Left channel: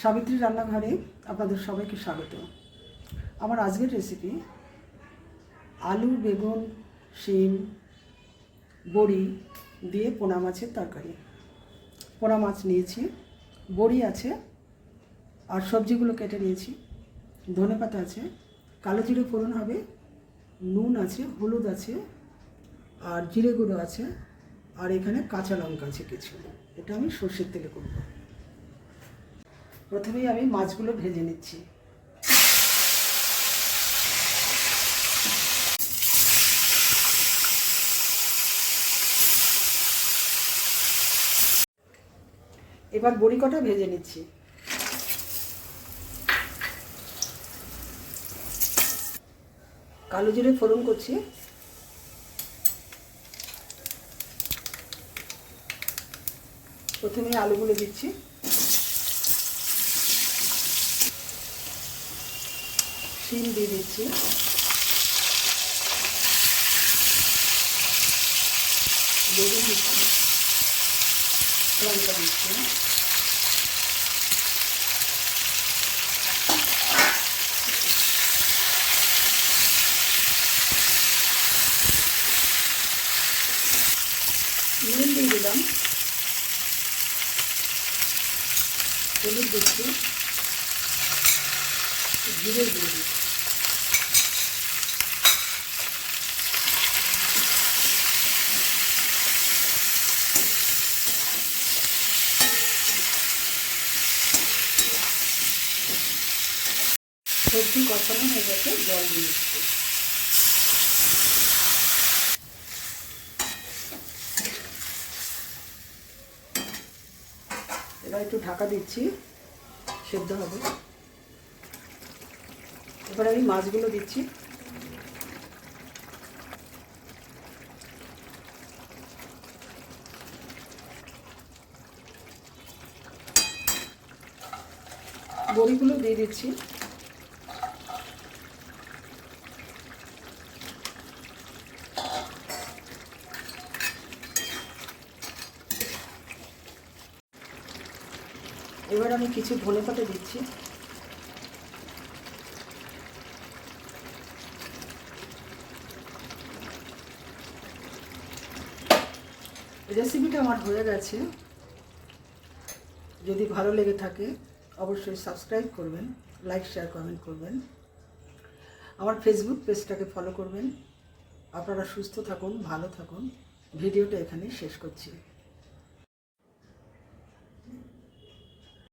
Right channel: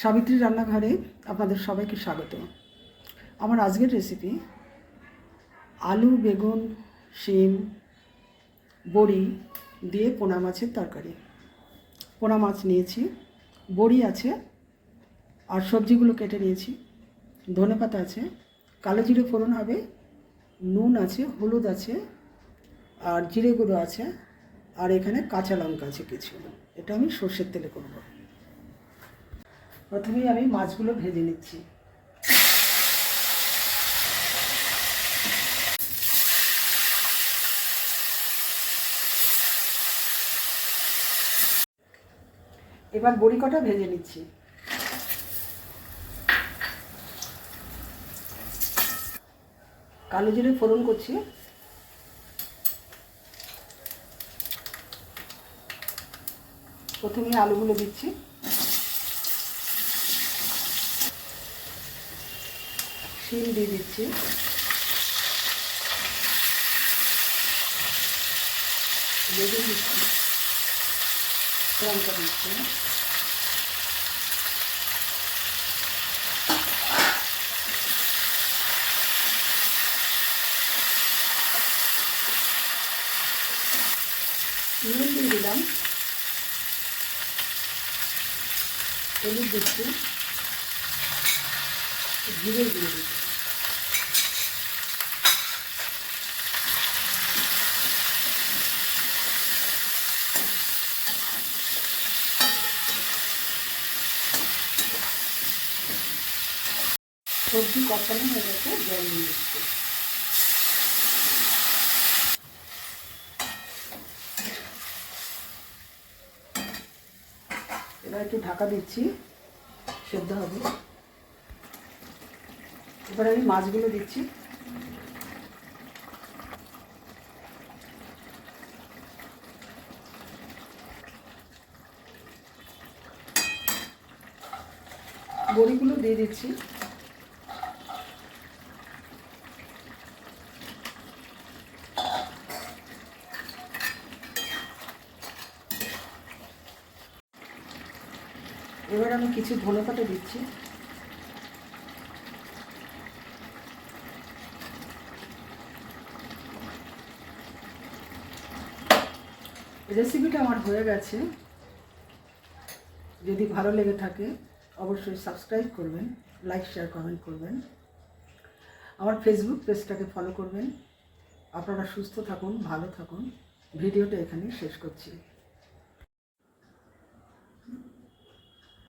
সাবিত্রী রান্নাঘরে আপনাদের সবাইকে স্বাগত। আমার আজকের রেসিপি আলু, বেগুন, শিম, বড়ি দিয়ে পোনা মাছের তরকারি। পোনা মাছ নিয়েছি, বড়ি আছে, আর সবজিগুলো কেটে নিয়েছি। ধনেপাতা আছে, কালো জিরে ফোড়ন হবে, নুন আছে, হলুদ আছে, আর জিরে গুঁড়ো আছে, আর এখানে কাঁচা লঙ্কা আছে কিছু। এটা আমি সর্ষের তেলে করব। প্রথমেই আমি মাছগুলো ভেজে নিচ্ছি। এবার বড়ি কটা ভেজে নিচ্ছি। কালো জিরে ফোড়ন করছি, প্রথমে আলুগুলো দিচ্ছি, শিম দিয়ে দিচ্ছি, বেগুন দিচ্ছি, লঙ্কা দিচ্ছি, নুন দিয়ে দিলাম, হলুদ দিচ্ছি, জিরে দিয়ে দিচ্ছি, সবজি কষানো হয়ে গেছে, জল দিয়ে দিচ্ছি। এবার একটু ঢাকা দিচ্ছি, সেদ্ধ হবে। এবার আমি মাছগুলো দিচ্ছি, বড়িগুলো দিয়ে দিচ্ছি, এবার আমি কিছু ধনেপাতা দিচ্ছি, রেসিপিটা আমার হয়ে গেছে। যদি ভালো লেগে থাকে অবশ্যই সাবস্ক্রাইব করবেন, লাইক, শেয়ার, কমেন্ট করবেন। আমার ফেসবুক পেজটাকে ফলো করবেন। আপনারা সুস্থ থাকুন, ভালো থাকুন। ভিডিওটা এখানেই শেষ করছি।